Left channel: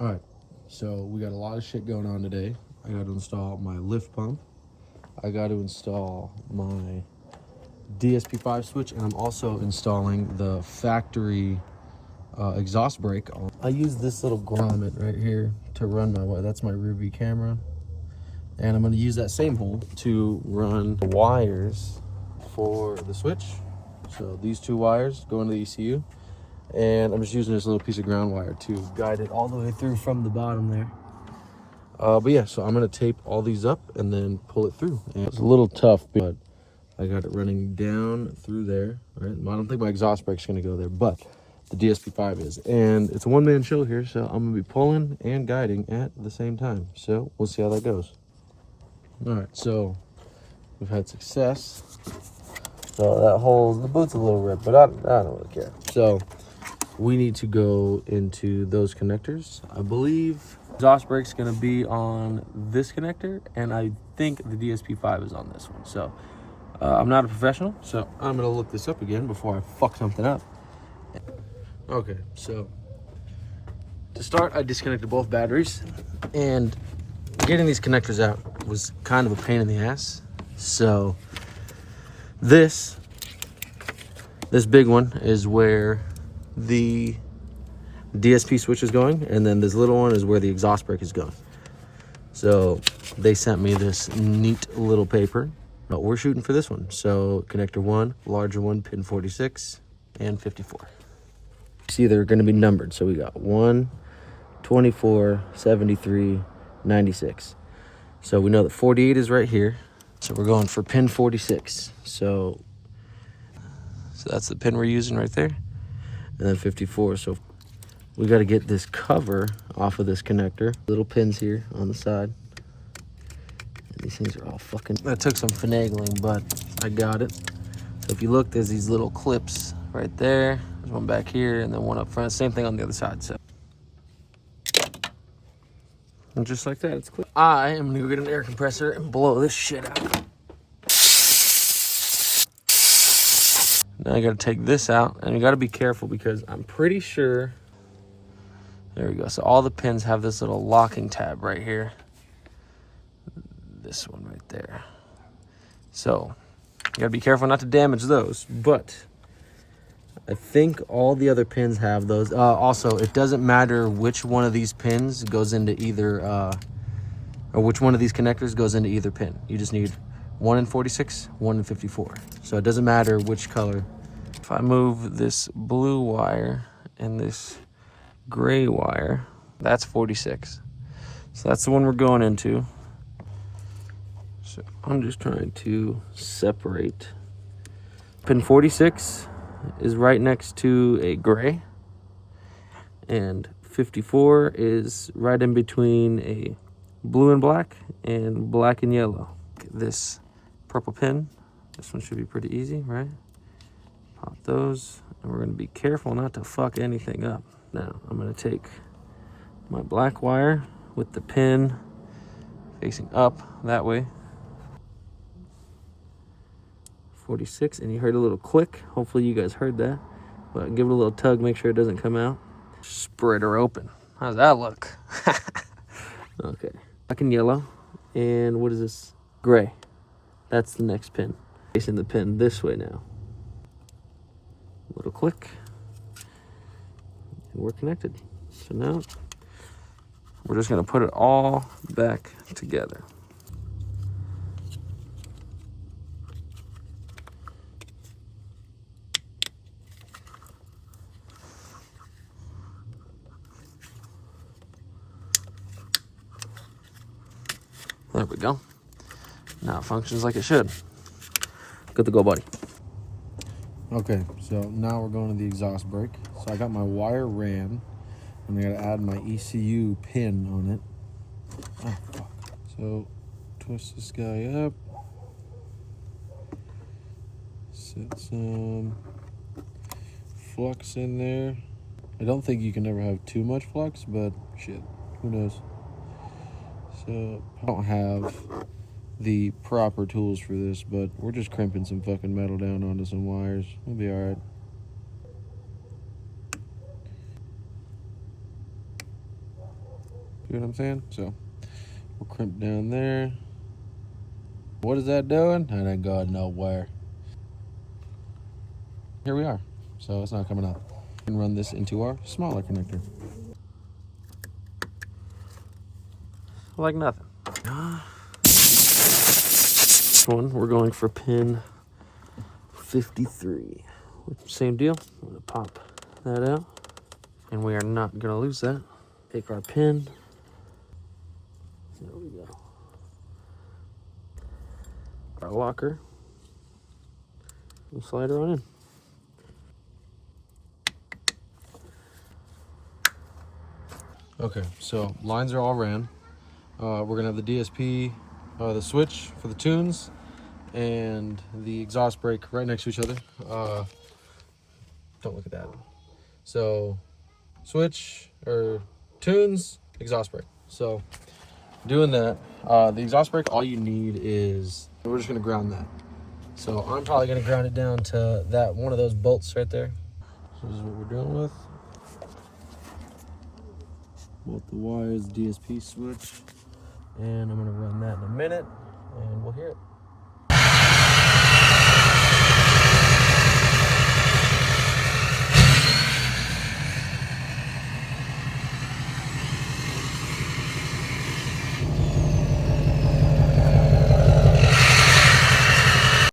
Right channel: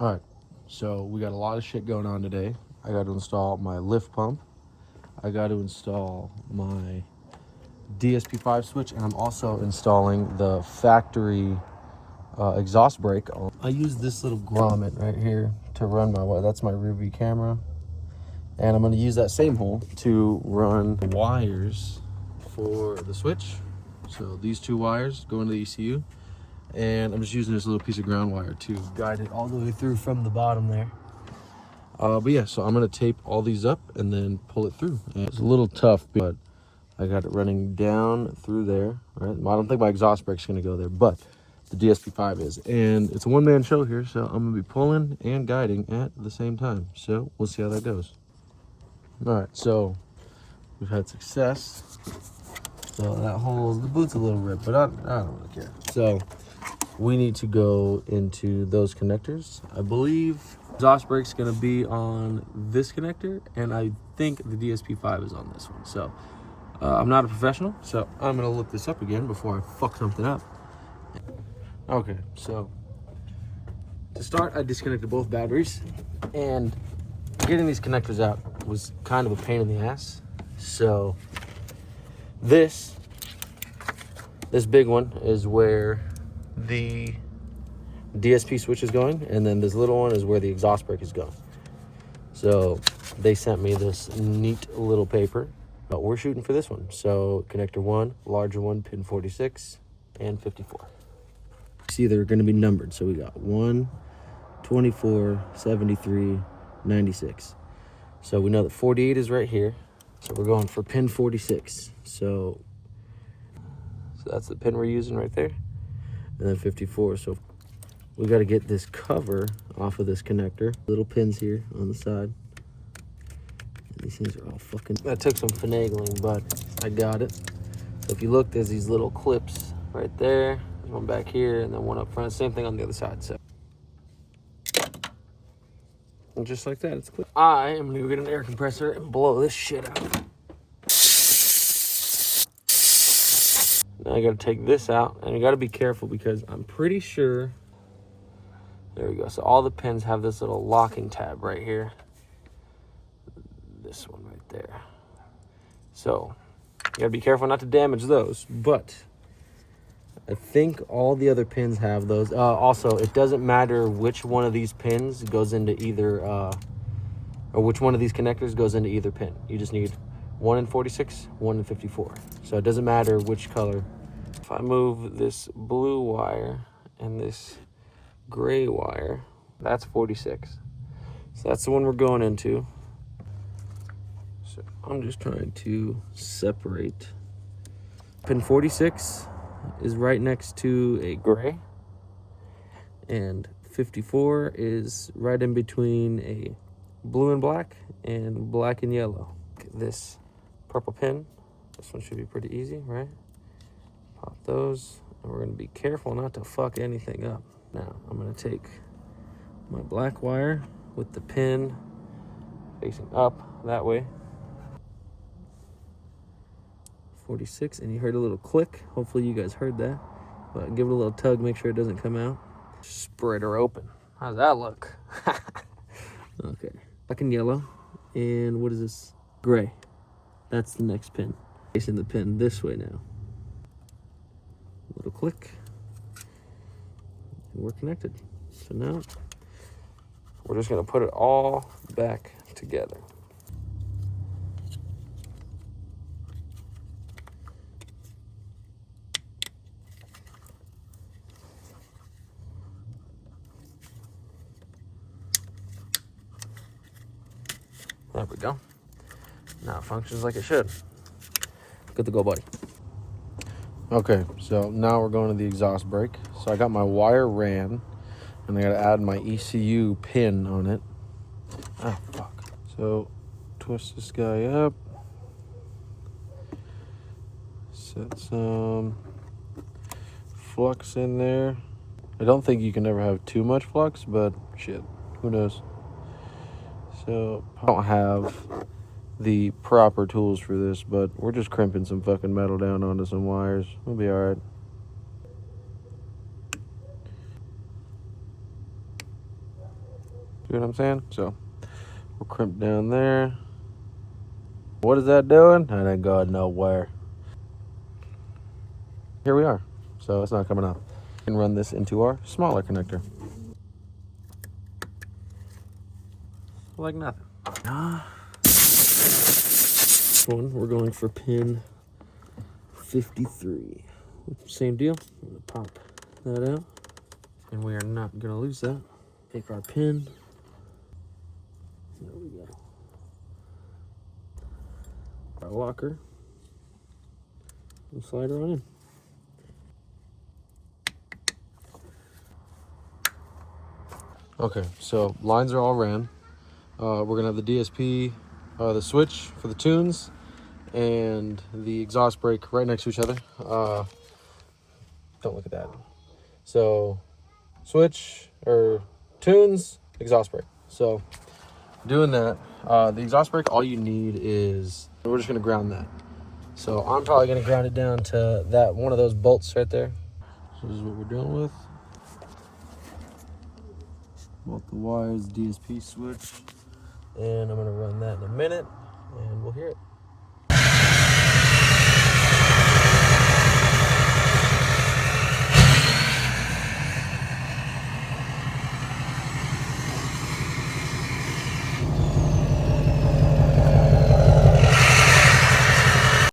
All right, so we got a lot of shit going on today. I got to install my lift pump. I got to install my DSP5 switch, and I'm also installing the factory exhaust brake. I use this little grommet right here to run my wire. That's my rear view camera. And I'm going to use that same hole to run the wires for the switch. So these two wires go into the ECU. And I'm just using this little piece of ground wire to guide it all the way through from the bottom there. But yeah, so I'm going to tape all these up and then pull it through. And it's a little tough, but I got it running down through there. Right? I don't think my exhaust brake's going to go there, but the DSP5 is. And it's a one-man show here, so I'm going to be pulling and guiding at the same time. So we'll see how that goes. All right, so we've had success. So that hole, the boot's a little ripped, but I don't really care. So we need to go into those connectors. I believe exhaust brake's gonna be on this connector, and I think the DSP5 is on this one. So I'm not a professional, so I'm gonna look this up again before I fuck something up. Okay, so to start, I disconnected both batteries, and getting these connectors out was kind of a pain in the ass. So this big one is where the DSP switch is going, and then this little one is where the exhaust brake is going. So they sent me this neat little paper, but we're shooting for this one. So connector 1, larger one, pin 46 and 54. See, they're going to be numbered. So we got 1, 24, 73, 96. So we know that 48 is right here. So we're going for pin 46. So that's the pin we're using right there. And then 54. So we got to get this cover off of this connector. Little pins here on the side. And these things are all fucking... That took some finagling, but I got it. So if you look, there's these little clips right there. There's one back here and then one up front. Same thing on the other side. So and just like that, it's clear. I am gonna get an air compressor and blow this shit out. Now I gotta take this out, and you gotta be careful because I'm pretty sure, there we go. So all the pins have this little locking tab right here. This one right there. So you gotta be careful not to damage those, but I think all the other pins have those. Also, it doesn't matter which one of these pins goes into either, or which one of these connectors goes into either pin. You just need 1 in 46, 1 in 54. So it doesn't matter which color. If I move this blue wire and this gray wire, that's 46. So that's the one we're going into. So I'm just trying to separate. Pin 46 is right next to a gray, and 54 is right in between a blue and black and black and yellow. This purple pin, this one should be pretty easy, right? Pop those, and we're gonna be careful not to fuck anything up. Now I'm gonna take my black wire with the pin facing up that way, 46, and you heard a little click. Hopefully you guys heard that, but give it a little tug, make sure it doesn't come out. Spread her open. How's that look? Okay, black and yellow, and what is this? Gray. That's the next pin. Facing the pin this way now. A little click, and we're connected. So now we're just gonna put it all back together. There we go. Now it functions like it should. Good to go, buddy. Okay, so now we're going to the exhaust brake. So I got my wire ran, and I gotta add my ECU pin on it. Oh, fuck. So twist this guy up. Set some flux in there. I don't think you can ever have too much flux, but shit, who knows? So I don't have the proper tools for this, but we're just crimping some fucking metal down onto some wires. We'll be all right. You know what I'm saying? So we'll crimp down there. What is that doing? That ain't going nowhere. Here we are. So it's not coming out. We can run this into our smaller connector. Like nothing. This one, we're going for pin 53. Same deal. I'm gonna pop that out. And we are not gonna lose that. Take our pin. There we go. Our locker. We'll slide her on in. Okay, so lines are all ran. We're gonna have the DSP, the switch for the tunes, and the exhaust brake right next to each other. Don't look at that. So, switch or tunes, exhaust brake. So, doing that, the exhaust brake, all you need is, we're just gonna ground that. So I'm probably gonna ground it down to that one of those bolts right there. So this is what we're dealing with. Both the wires, DSP switch, and I'm gonna run that in a minute, and we'll hear it.